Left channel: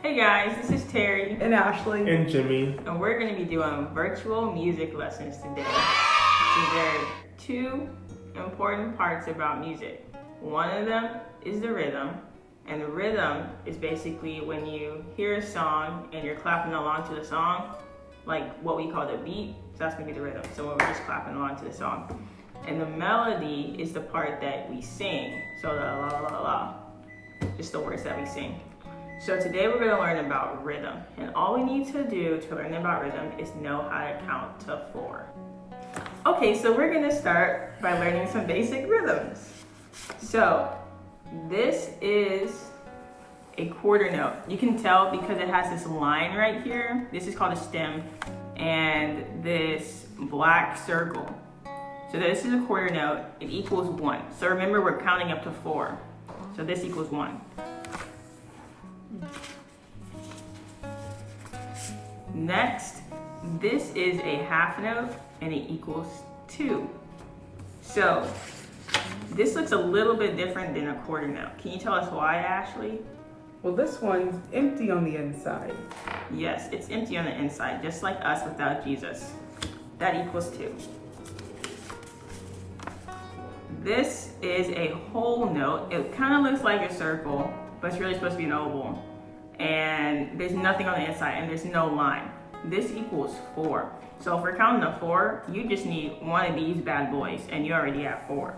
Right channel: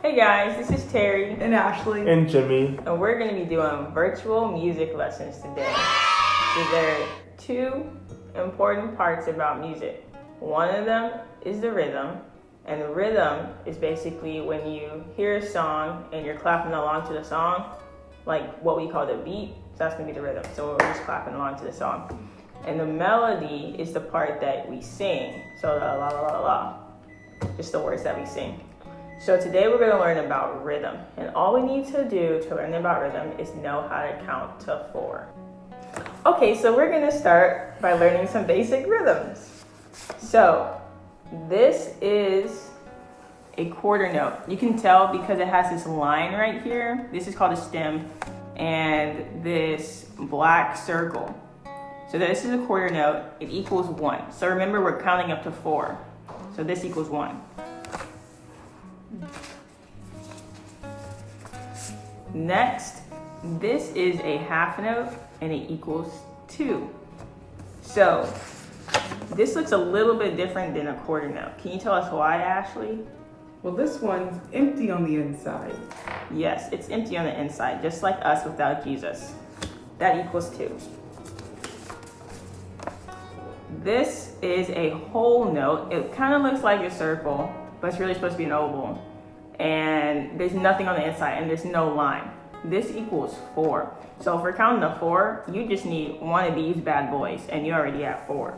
Hey guys, this is Terry and Ashley and Jimmy, and we're going to be doing virtual music lessons today. So there are two important parts about music. One of them is the rhythm, and the rhythm is basically when you hear a song and you're clapping along to the song, like what we call the beat. So that's going to be the rhythm. So we're just clapping along to the song. And the melody is the part that we sing. So the la la la la, just the words that we sing. So today we're going to learn about rhythm, and all we need to do to learn about rhythm is know how to count to 4. Okay, so we're going to start by learning some basic rhythms. So this is a quarter note. You can tell because it has this line right here. This is called a stem, and this black circle. So this is a quarter note. It equals 1. So remember, we're counting up to 4. So this equals 1. Next, this is a half note and it equals 2. So this looks a little bit different than a quarter note. Can you tell us why, Ashley? Well, this one's empty on the inside. Yes, it's empty on the inside, just like us without Jesus. That equals 2. This is a whole note. It kind of looks like a circle, but it's really supposed to be an oval. And there's nothing on the inside and there's no line. This equals 4. So if we're counting to 4, you just need one of these bad boys and you already have 4.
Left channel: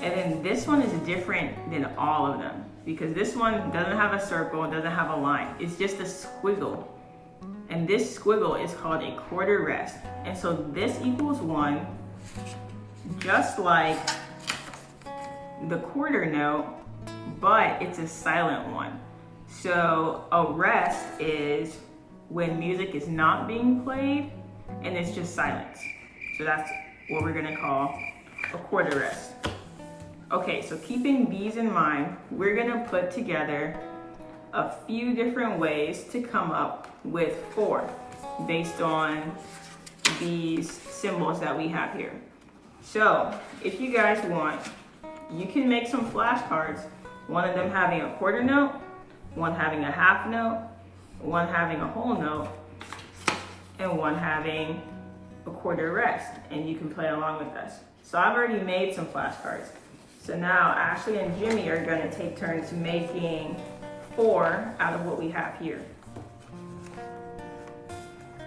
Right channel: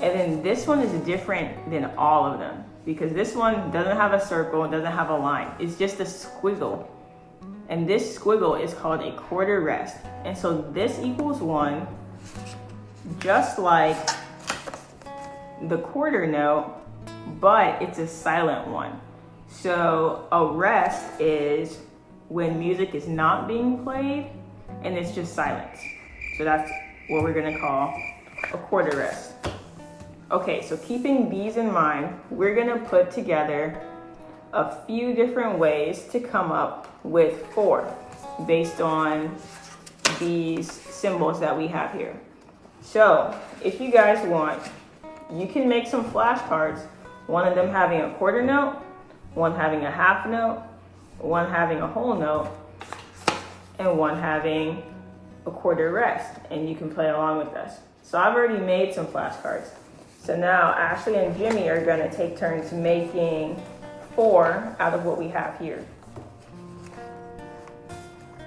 And then this one is different than all of them because this one doesn't have a circle, doesn't have a line. It's just a squiggle. And this squiggle is called a quarter rest. And so this equals 1, just like the quarter note, but it's a silent one. So a rest is when music is not being played and it's just silence. So that's what we're gonna call a quarter rest. Okay, so keeping these in mind, we're gonna put together a few different ways to come up with 4 based on these symbols that we have here. So if you guys want, you can make some flashcards, one of them having a quarter note, one having a half note, one having a whole note, and one having a quarter rest, and you can play along with us. So I've already made some flashcards. So now Ashley and Jimmy are gonna take turns making 4 out of what we have here.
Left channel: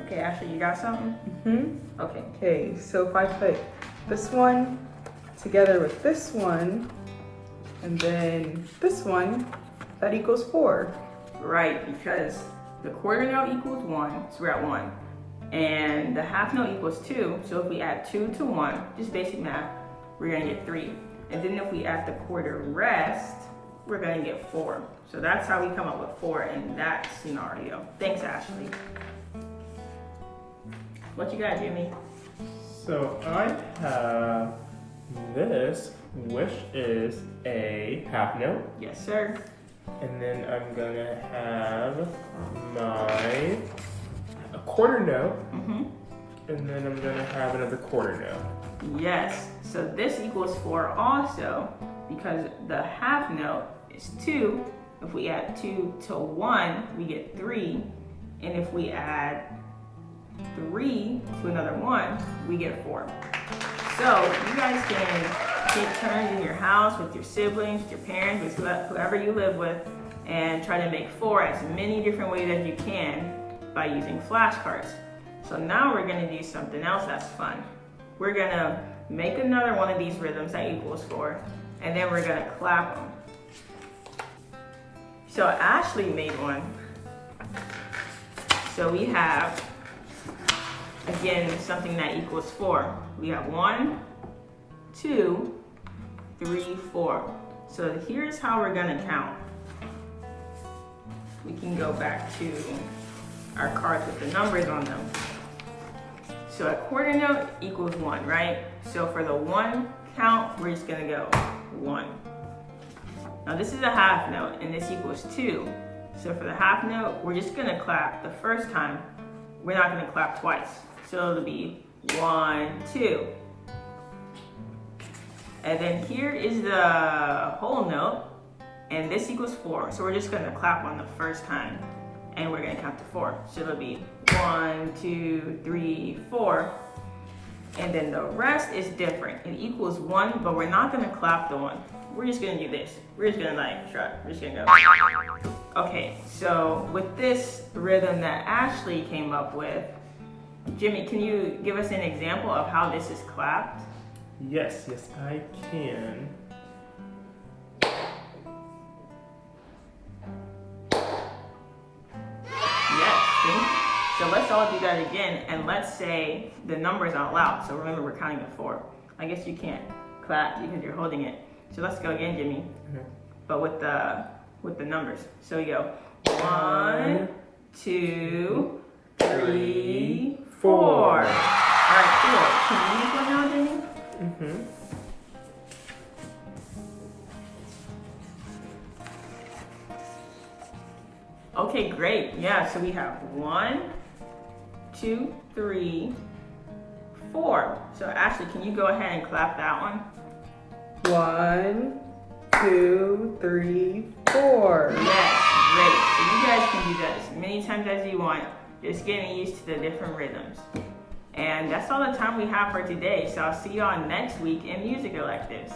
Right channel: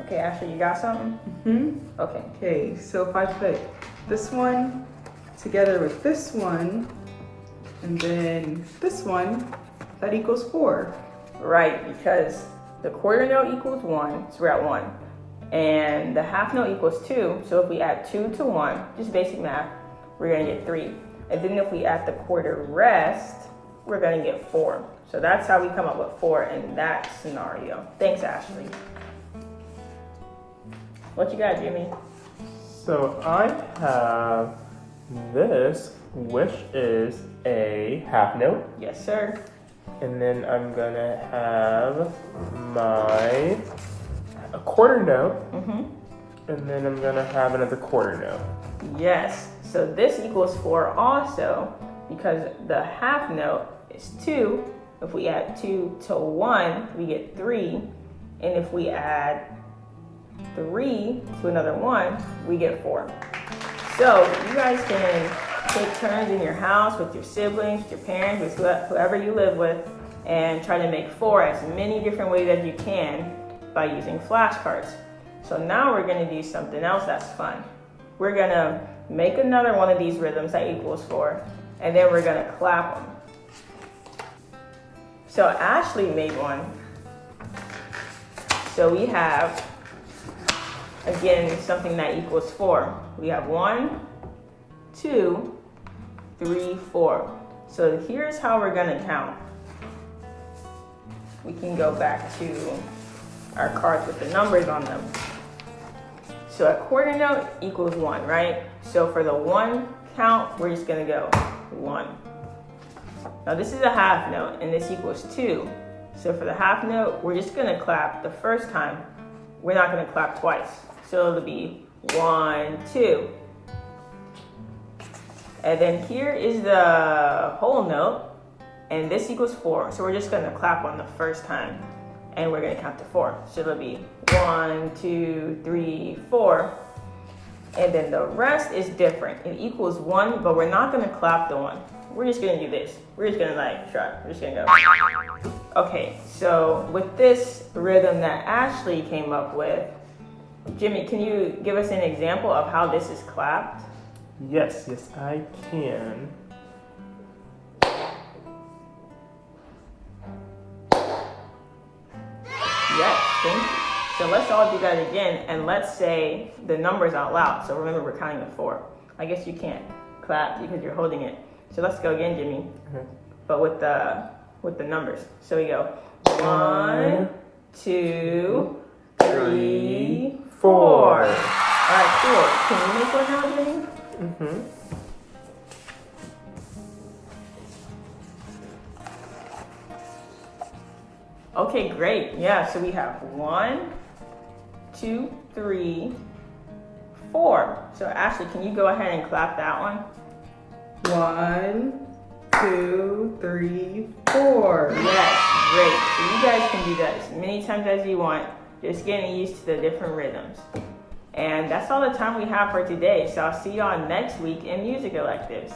Okay, Ashley, you got something? Mm-hmm. Okay, so if I put this one together with this one, and then this one, that equals 4. Right, because the quarter note equals 1, so we're at 1. And the half note equals 2, so if we add 2 to 1, just basic math, we're gonna get 3. And then if we add the quarter rest, we're gonna get 4. So that's how we come up with 4 in that scenario. Thanks, Ashley. What you got, Jimmy? So I have this, which is a half note. Yes, sir. And then I'm gonna have a quarter note. And then I'm gonna have another quarter note. Yes, so this equals 4 also because the half note is 2. If we add 2 to 1, we get 3. And if we add 3 to another 1, we get 4. So you guys can take turns in your house with your siblings, with your parents, with whoever you live with, and try to make 4 as many different ways as you can by using flashcards. So now we're gonna do something else that's fun. We're gonna make another one of these rhythms that equals 4, and then we're gonna clap them. So Ashley made one. So we have, again, something that equals 4. We have 1, 2, 3, 4. So here's how we're gonna count. We can go back to our cards with the numbers on them. So a quarter note equals 1, right? So for the 1 count, we're just gonna go 1. Now this is a half note and this equals 2. So for the half note, we're just gonna clap the first time. We're not gonna clap twice. So it'll be 1, 2. And then here is the whole note, and this equals 4. So we're just gonna clap on the first time, and we're gonna count to 4. So it'll be 1, 2, 3, 4. And then the rest is different. It equals 1, but we're not gonna clap the 1. We're just gonna do this. We're just gonna like shrug. We're just gonna go. Okay, so with this rhythm that Ashley came up with, Jimmy, can you give us an example of how this is clapped? Yes, I can. Yes, thank you. So let's all do that again, and let's say the numbers out loud. So remember, we're counting to 4. I guess you can't clap because you're holding it. So let's go again, Jimmy. Okay. But with the numbers. So we go 1, 2, 3, 4. All right, cool. Can you make one now, Jimmy? Mm-hmm. Okay, great. Yeah, so we have 1, 2, 3, 4. So Ashley, can you go ahead and clap that one? 1, 2, 3, 4. Yes, great. So you guys can do that as many times as you want, just getting used to the different rhythms. And that's all the time we have for today. So I'll see y'all next week in music electives.